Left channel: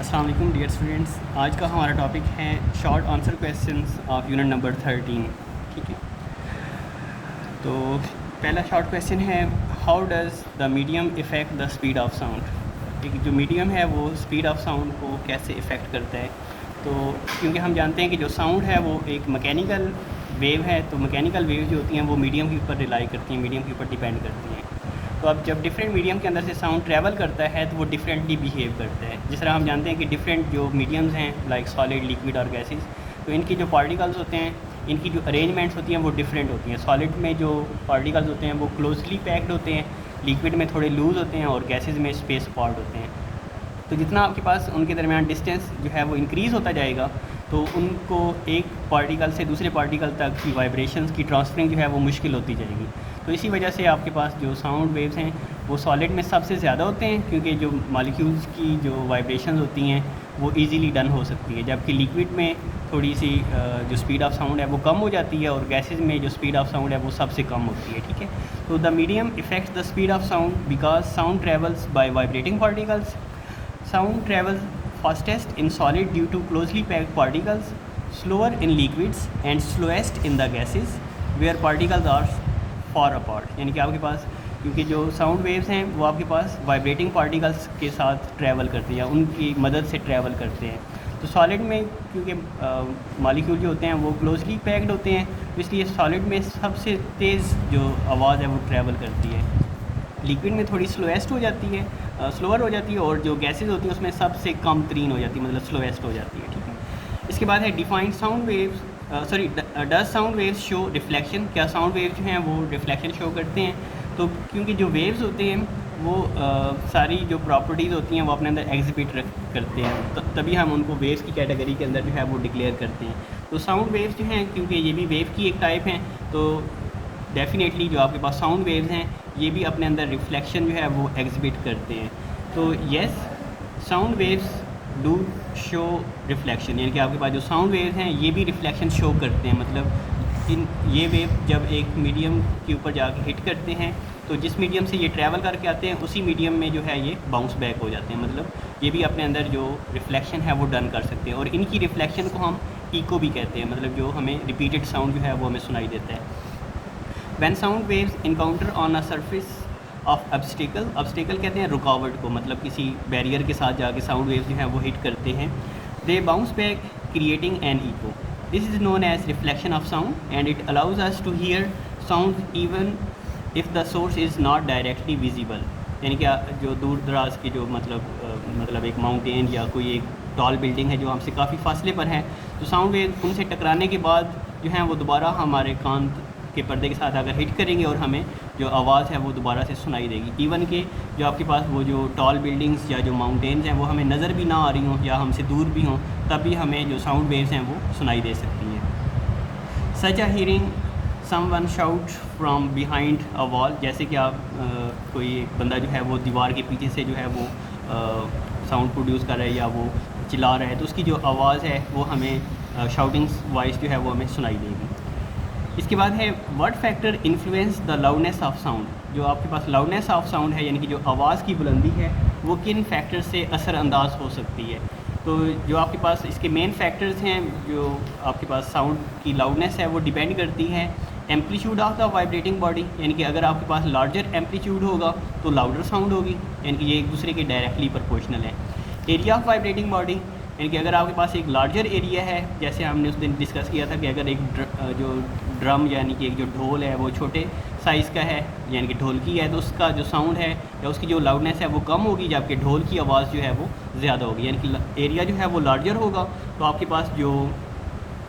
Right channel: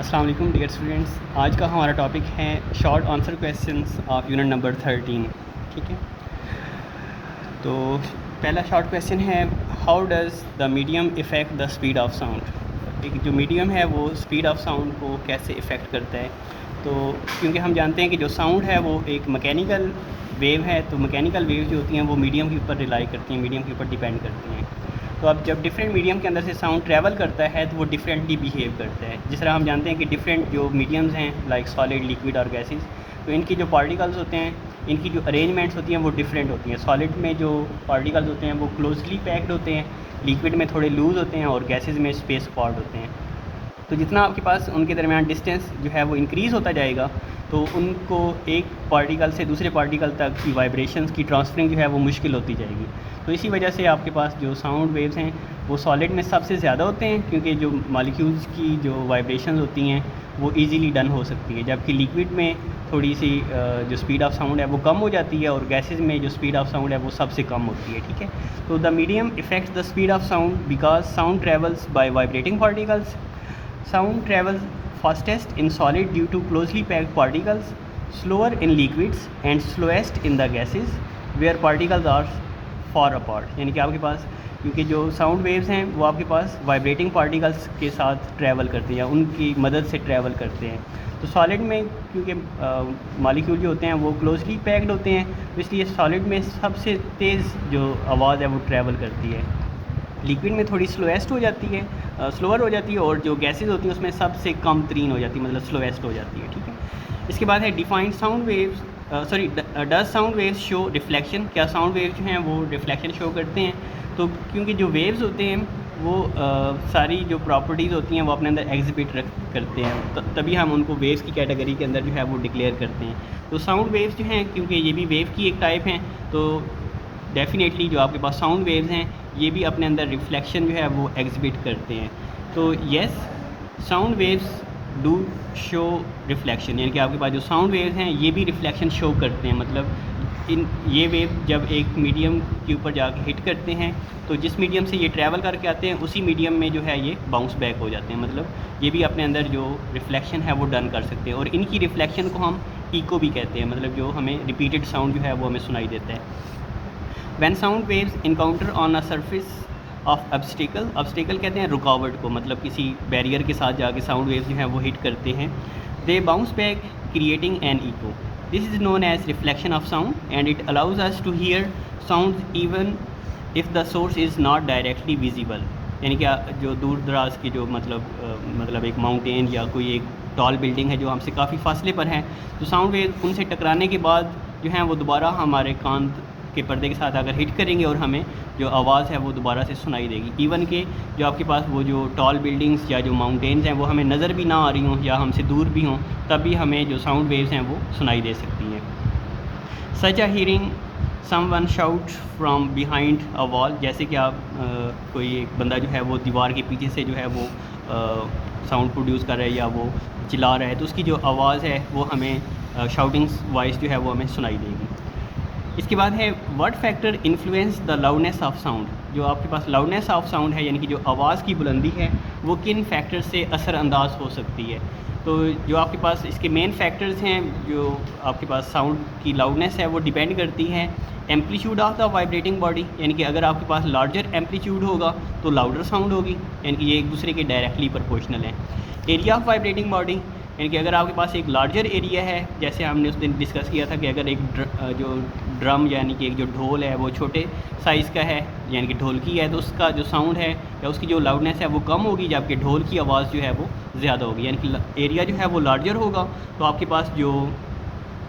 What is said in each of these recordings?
अस्सलाम वालेकुम dear students. आज का हमारा टॉपिक है short answer questions of unit number 13। ठीक है, तो पहला शॉर्ट क्वेश्चन है, how does the medium effect the speed of sound. एक जो मीडियम है वो स्पीड ऑफ साउंड को कैसे इफ़ेक्ट करता है। तो क्योंकि हम जानते हैं कि जो साउंड है वो एक मैकेनिकल वेव है, तो मैकेनिकल वेव जो होती हैं वो मीडियम के ऊपर रिलाई करती हैं, मीडियम के ऊपर डिपेंड करती हैं। तो अब जब डिफरेंट मीडियम के अंदर से साउंड ट्रैवल करता है तो वो डिफरेंटली बिहेव करता है। जिस तरह हम जानते हैं कि डिफरेंट जो मीडियम्स हैं लाइक सॉलिड, लिक्विड और गैसेस, तो इनकी जो पार्टिकल्स होते हैं, इनकी जो अरेंजमेंट्स होती हैं वो डिफरेंट होती हैं। सॉलिड में जो पार्टिकल्स होते हैं वो क्लोजली पैक्ड होते हैं, लिक्विड में थोड़े लूज़ होते हैं और गैसेस में स्पेस अपार्ट होते हैं। तो जितना आपके पास उनके दरमियान डिस्टेंस जो है वो इंक्रीज़ होता जाएगा तो उनको एक पार्टिकल से दूसरे पार्टिकल तक की वाइब्रेशंस की ट्रांसफरिंग जो है वो मुश्किल होती जाएगी। तो इसी वजह से आपके पास जो साउंड वेव्स हैं वो सॉलिड में सबसे ज़्यादा होते हैं, क्योंकि जो मॉलिक्यूल्स की जो वाइब्रेशंस होती हैं वो इजीली डन हो सकती है, जबकि लिक्विड में थोड़ी सी जो स्पीड ऑफ साउंड है वो कम हो जाती है और गैसेज में जो स्पीड ऑफ साउंड है वो सबसे कम होती है। ठीक है, तो the medium effects the speed of sound because sound travels by vibrating particles. Sound travels fastest in solid due to closely packed particles, slower in liquids and slowest in the gases where particles are far apart। यानी कि आपके पास क्योंकि जो sound waves हैं वो आपके पास vibrating particles के साथ ट्रैवल करती हैं, उनकी मदद से ट्रैवल करते हैं। तो सॉलिड में क्योंकि मॉलिक्यूल जो होते हैं वो क्लोजली पैक्ड होते हैं, तो इसलिए सॉलिड में सबसे तेज़ जो आवाज़ है वो ट्रैवल करती है। लिक्विड में थोड़ी स्लोएस्ट हो जाती है, स्लोअर हो जाती है, और जो गैसेज होती हैं उसमें सबसे कम तरीन हो जाती है, मतलब स्लोएस्ट हो जाती है। ठीक है, इसके बाद है defined sound waves, does sound waves show reflection. क्या साउंड वेव्स हैं वो रिफ्लेक्शन शो करते हैं। तो क्योंकि जो वेव्स होते हैं वो सारी जो प्रॉपर्टीज़ होती हैं वो अपने अंदर एग्जिबिट करते हैं, तो तभी हम उनको वेव्स की कैटेगरी के अंदर जो है वो डिक्लेयर करते हैं। तो साउंड वेव्स जो हैं, क्योंकि ये भी वेव की एक टाइप हैं, तो डेफिनेटली जो आपके पास साउंड वेव्स हैं ये भी अपने अंदर रिफ्लेक्शन जो है वो एग्जिबिट करते हैं। तो yes, sound waves do show reflection, यानी कि आपके पास जो साउंड वेव्स हैं ये भी रिफ्लेक्शन शो करते हैं। मतलब ये वेव जब एक मीडियम के ऊपर जाकर हिट करते हैं तो जिस मीडियम से ये ट्रैवल करके आते हैं उसी मीडियम में जो है ये बाउंस बैक हो जाते हैं। मतलब ये भी अपने अंदर जो रिफ्लेक्शन है वो डन कर सकते हैं, और इनकी रिफ्लेक्शन को हम इको भी कहते हैं, मतलब जो हमें रिपीटेड साउंड जो है वो हमें सुनाई देता है। When sound waves encounter on a surface of obstacle, obstacle कहते हैं रुकावट को, मतलब किसी बैरियर के साथ जाके साउंड वेव्स जो हैं वो हिट करते हैं। They bounce back creating an echo. This is known as reflection of sound and it allows us to hear sounds even if the source is not directly visible। यानी कि जो दूर दराज की जो मतलब एक माउंटेन या कोई एक टॉल बिल्डिंग है जो हमसे काफ़ी फासले पर है, तो साउंड वेव उनसे टकराने के बाद जो हैं वो दोबारा हमारे कान के पर्दे के साथ अगर हिट करेंगे और हमें जो आवाज़ है वो दोबारा से सुनाई देगी। इवन कि जो आपके पास वो जो टॉल बिल्डिंग्स या जो माउंटेन्स हैं वो हमें नज़र भी ना आ रही हों या हमसे दूर भी हों, तब भी हमें जो साउंड वेव्स हैं वो सुनाई दे सकती हैं। Such a hearing someone shout from behind a wall, जैसे कि आप कोई एक बंदा जो है वो दीवार के पीछे से जो है वो साउंड प्रोड्यूस कर रहा है या वो चिल्ला रहा है, तो उसकी जो आवाज़ है वो हमें शाउटिंग्स वॉइस जो है वो हमें सुनाई देगी। इसके बाद है what factor influence the loudness of sound. जो आपके पास लाउडनेस ऑफ साउंड है यानी कि जो आवाज़ की बुलंदी है वो किन फैक्टर से असरअंदाज हो सकती है। तो जो आपके पास इसके मेन फैक्टर्स हैं, जो आपके पास साउंड की लाउडनेस है वो डिपेंड करती है amplitude of the vibrating body, यानी कि अगर आपके पास लार्जर एम्पलीट्यूड होगा तो लाउडर साउंड होगी, यानी कि ये एक दूसरे के डायरेक्टली प्रोपोर्शनल है। एरिया ऑफ वाइब्रेटिंग बॉडी, यानी कि अगर आपके पास एक लार्जर एरिया है, जैसे हमने उस दिन डिस्कस किया था कि अगर एक जो ड्रम यानी कि एक जो ढोल है वो छोटे साइज़ का है यानी कि ढोलकी है, तो उसका जो साउंड है या उसकी जो लाउडनेस है वो कम होगी, जबकि ढोल की आवाज़ जो है वो ज़्यादा होगी। यानी कि एरिया जो है वो लार्जर होगा तो आपके पास जो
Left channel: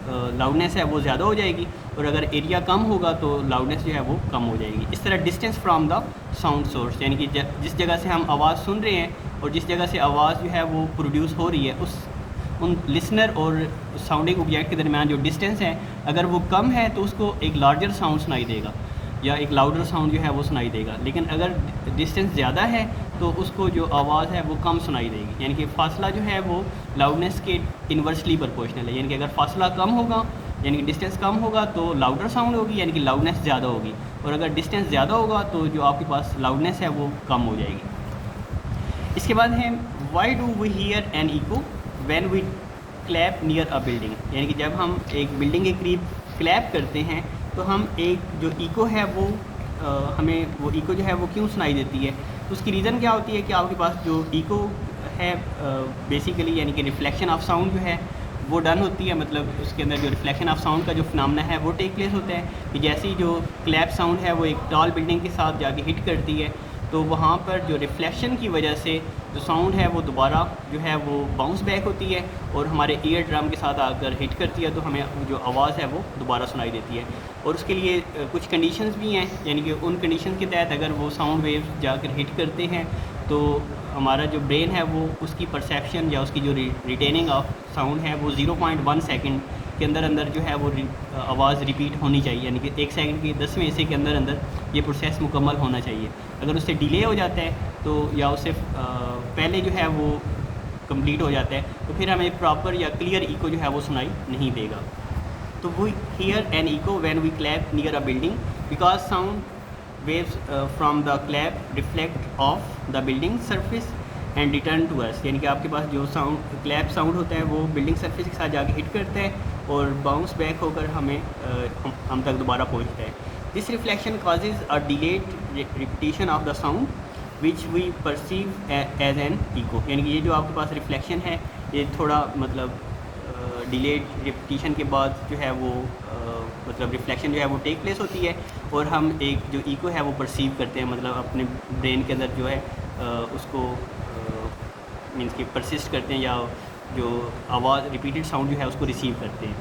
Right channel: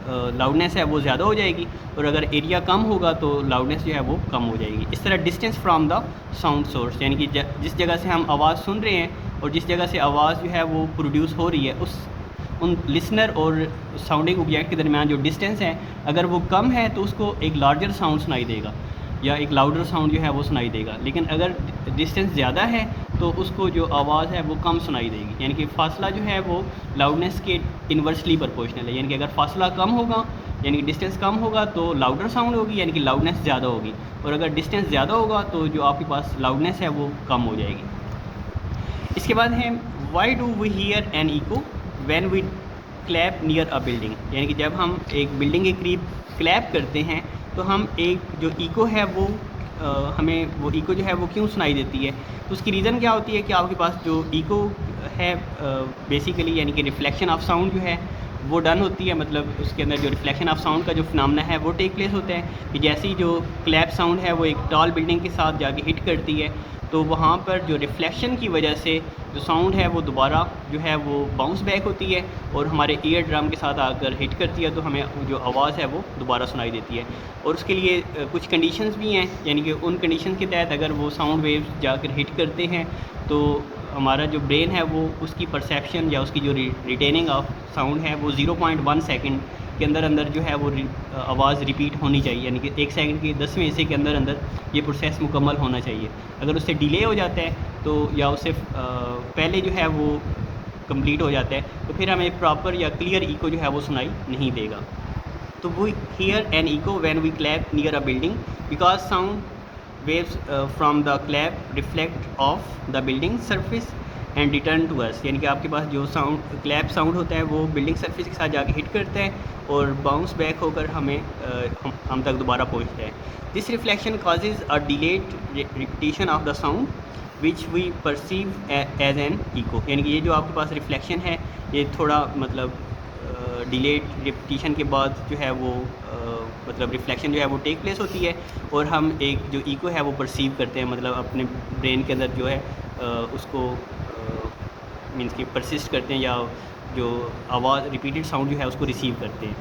लाउडनेस है वो ज़्यादा हो जाएगी, और अगर एरिया कम होगा तो लाउडनेस जो है वो कम हो जाएगी। इस तरह distance from the sound source, यानी कि जिस जगह से हम आवाज़ सुन रहे हैं और जिस जगह से आवाज़ जो है वो प्रोड्यूस हो रही है उन लिसनर और साउंडिंग ऑब्जेक्ट के दरमियान जो डिस्टेंस है अगर वो कम है तो उसको एक लार्जर साउंड सुनाई देगा या एक लाउडर साउंड जो है वो सुनाई देगा। लेकिन अगर डिस्टेंस ज़्यादा है तो उसको जो आवाज़ है वो कम सुनाई देगी, यानी कि फ़ासला जो है वो लाउडनेस के इन्वर्सली प्रोपोर्शनल है। यानी कि अगर फ़ासला कम होगा यानी कि डिस्टेंस कम होगा तो लाउडर साउंड होगी, यानी कि लाउडनेस ज़्यादा होगी, और अगर डिस्टेंस ज़्यादा होगा तो जो आपके पास लाउडनेस है वो कम हो जाएगी। इसके बाद है why do we hear an echo when we clap near a building, यानी कि जब हम एक बिल्डिंग के करीब क्लैप करते हैं तो हम एक जो इको है वो हमें वो इको जो है वो क्यों सुनाई देती है। तो उसकी रीज़न क्या होती है कि आपके पास जो इको है बेसिकली यानी कि रिफ्लेक्शन ऑफ साउंड जो है वो डन होती है, मतलब उसके अंदर जो रिफ्लेक्शन ऑफ साउंड का जो फिनोमेना है वो टेक प्लेस होता है कि जैसे ही जो क्लैप साउंड है वो एक टॉल बिल्डिंग के साथ जाके हिट करती है तो वहाँ पर जो रिफ्लेक्शन की वजह से जो साउंड है वो दोबारा जो है वो बाउंस बैक होती है और हमारे ईयर ड्रम के साथ आकर हिट करती है, तो हमें जो आवाज़ है वो दोबारा सुनाई देती है। और उसके लिए कुछ कंडीशंस भी हैं, यानी कि उन कंडीशन के तहत अगर वो साउंड वेव्स जाकर हिट करते हैं तो हमारा जो ब्रेन है वो उसकी परसेप्शन या उसकी जो रिटेनिंग ऑफ साउंड है वो 0.1 सेकंड के अंदर अंदर जो है वो आवाज़ रिपीट होनी चाहिए, यानी कि 1 सेकंड के 10वें हिस्से के अंदर अंदर ये प्रोसेस मुकम्मल होना चाहिए। अगर उससे डिले हो जाता है तो या उससे पहले जो है वो कंप्लीट हो जाता है तो फिर हमें प्रॉपर या क्लियर इको जो है वो सुनाई नहीं देगा। तो we hear an echo when we clap near a building because sound waves from the clap reflect off the building surface and return to us, यानी कि आपके पास जो साउंड क्लैप साउंड होता है वो बिल्डिंग सरफेस के साथ जाके हिट करता है और बाउंस बैक होकर हमें हम तक दोबारा पहुंचता है। This reflection causes a delayed repetition of the sound which we perceive as an echo, यानी कि ये जो आपके पास रिफ्लेक्शन है ये थोड़ा मतलब डिलेड रिपीटिशन के बाद जो है वो मतलब रिफ्लेक्शन जो है वो टेक प्लेस होती है और हम एक जो इको है वो परसीव करते हैं, मतलब अपने ब्रेन के अंदर जो है उसको मीन्स कि परसिस्ट करते हैं या जो आवाज़ रिपीटेड साउंड जो है उसको रिसीव करते हैं।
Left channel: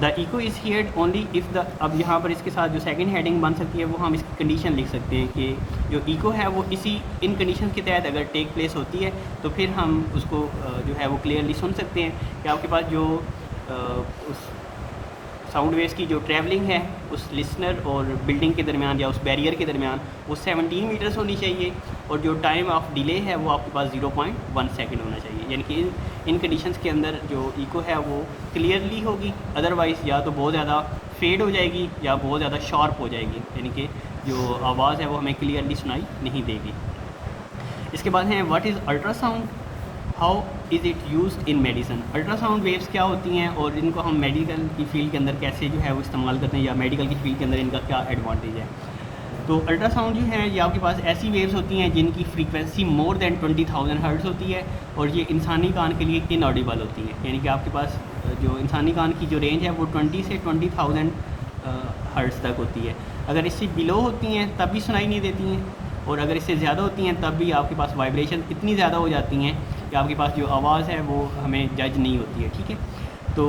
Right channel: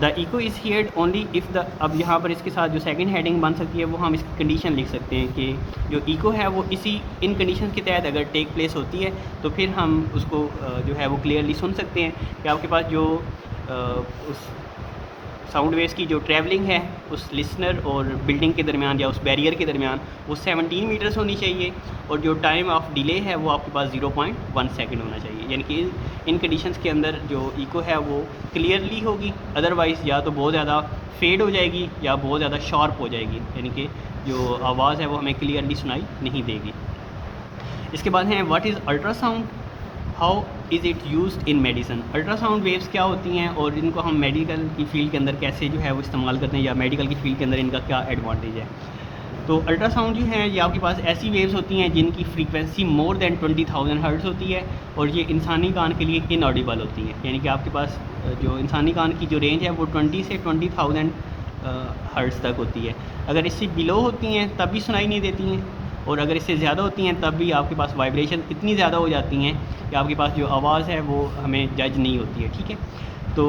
The echo is heard only if the, अब यहाँ पर इसके साथ जो सेकंड हेडिंग बन सकती है वो हम इसकी कंडीशन लिख सकते हैं कि जो इको है वो इसी इन कंडीशन के तहत अगर टेक प्लेस होती है तो फिर हम उसको जो है वो क्लियरली सुन सकते हैं कि आपके पास जो उस साउंड वेव्स की जो ट्रैवलिंग है उस लिसनर और बिल्डिंग के दरमियान या उस बैरियर के दरमियान वो 17 मीटर्स होनी चाहिए और जो टाइम ऑफ डिले है वो आपके पास 0.1 सेकंड होना चाहिए, यानी कि इन कंडीशंस के अंदर जो इको है वो क्लियरली होगी, अदरवाइज़ या तो बहुत ज़्यादा फेड हो जाएगी या बहुत ज़्यादा शार्प हो जाएगी, यानी कि जो आवाज़ है वो हमें क्लियरली सुनाई नहीं देगी। इसके बाद है what is ultrasound, how is it used in medicine. Ultrasound waves क्या होती हैं और इनको हम मेडिकल की फील्ड के अंदर कैसे जो है वो इस्तेमाल करते हैं या मेडिकल की फील्ड के अंदर इनका क्या एडवांटेज है। तो अल्ट्रासाउंड जो है ये आपके पास ऐसी वेव्स होती हैं जिनकी फ्रीक्वेंसी मोर देन 20,000 हर्ट्ज़ होती है और ये इंसानी कान के लिए इनऑडिबल होती है, यानी कि आपके पास जो इंसानी कान की जो रेंज है वो 20 से 20,000 हर्ट्ज़ तक होती है। अगर इससे बिलो होती हैं तब भी सुनाई नहीं देती हैं और अगर इससे ज़्यादा होती हैं तब भी आपके पास वाइब्रेशन इतनी ज़्यादा हो जाती हैं कि आपके पास जो आवाज़ है वो हमें जज नहीं होती है। ठीक है, तो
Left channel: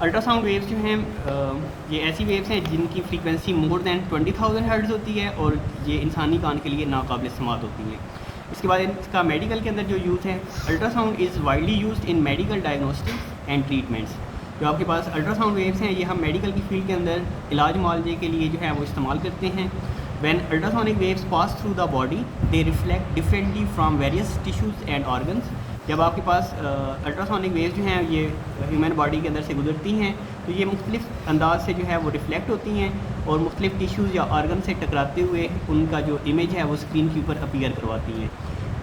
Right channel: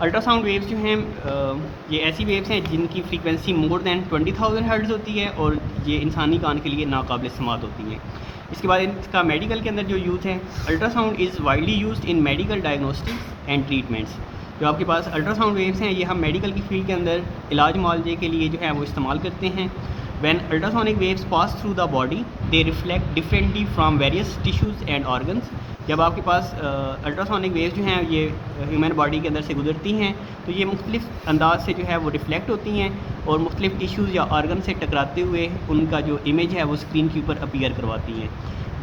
अल्ट्रासाउंड वेव्स जो हैं ये ऐसी वेव्स हैं जिनकी फ्रीक्वेंसी मोर देन 20,000 हर्ट्ज़ होती है और ये इंसानी कान के लिए नाकाबिल इस्तेमाल होती है। इसके बाद इसका मेडिकल के अंदर जो यूज़ है, ultrasound is widely used in medical diagnostic and treatments. जो आपके पास अल्ट्रासाउंड वेव्स हैं ये हम मेडिकल की फील्ड के अंदर इलाज मुआवजे के लिए जो है वो इस्तेमाल करते हैं। When ultrasonic waves pass through the body, they reflect differently from various tissues and organs. जब आपके पास अल्ट्रासोनिक वेव्स जो हैं ये ह्यूमन बॉडी के अंदर से गुजरती हैं तो ये मुख्तलिफ अंदाज से जो है वो रिफ्लेक्ट होती हैं और मुख्तलिफ टिश्यूज़ या ऑर्गन से टकराते हुए उनका जो इमेज है वो स्क्रीन के ऊपर अपीयर करवाती हैं।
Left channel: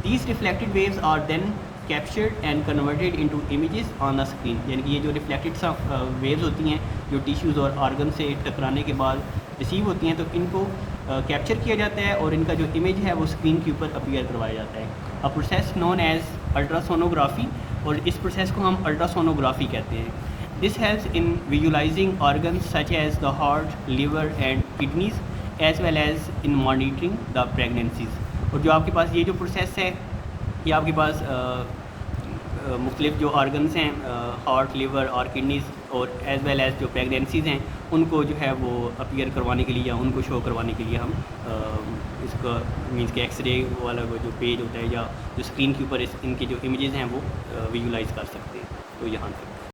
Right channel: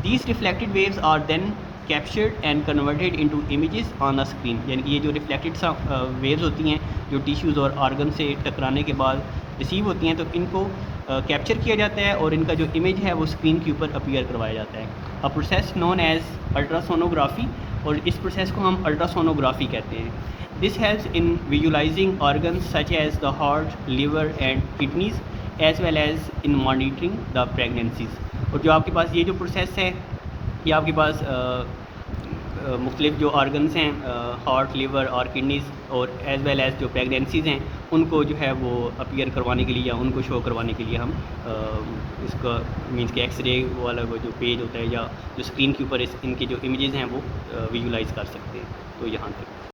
These reflected waves are then captured and converted into images on the screen, यानी कि ये जो रिफ्लेक्टेड वेव्स होती हैं जो टिश्यूज़ और ऑर्गन से टकराने के बाद रिसीव होती हैं तो इनको कैप्चर किया जाता है और इनका जो इमेज है वो स्क्रीन के ऊपर अपीयर करवाया जाता है। A process known as ultrasonography, और इस प्रोसेस को हम अल्ट्रासोनोग्राफी कहते हैं। This helps in visualizing organs such as the heart, liver and kidneys as well as in monitoring the pregnancies. और जो आपके पास ये जो प्रोसेस है ये आपके पास मुख्तलिफ जो ऑर्गन्स हैं हार्ट, लिवर और किडनीज़ और एज़ वेल एज़ जो प्रेगनेंसीज़ हैं उनको जो है वो अपीयर करवाने के लिए या उनको शो करवाने के लिए हम इसका मीन्स के एक्सरे वाला वो जो पेज होता है या जो स्क्रीन के ऊपर इनके जो इमेजेस हैं वो विजुलाइज़ कर सकते हैं। तो यहाँ तक।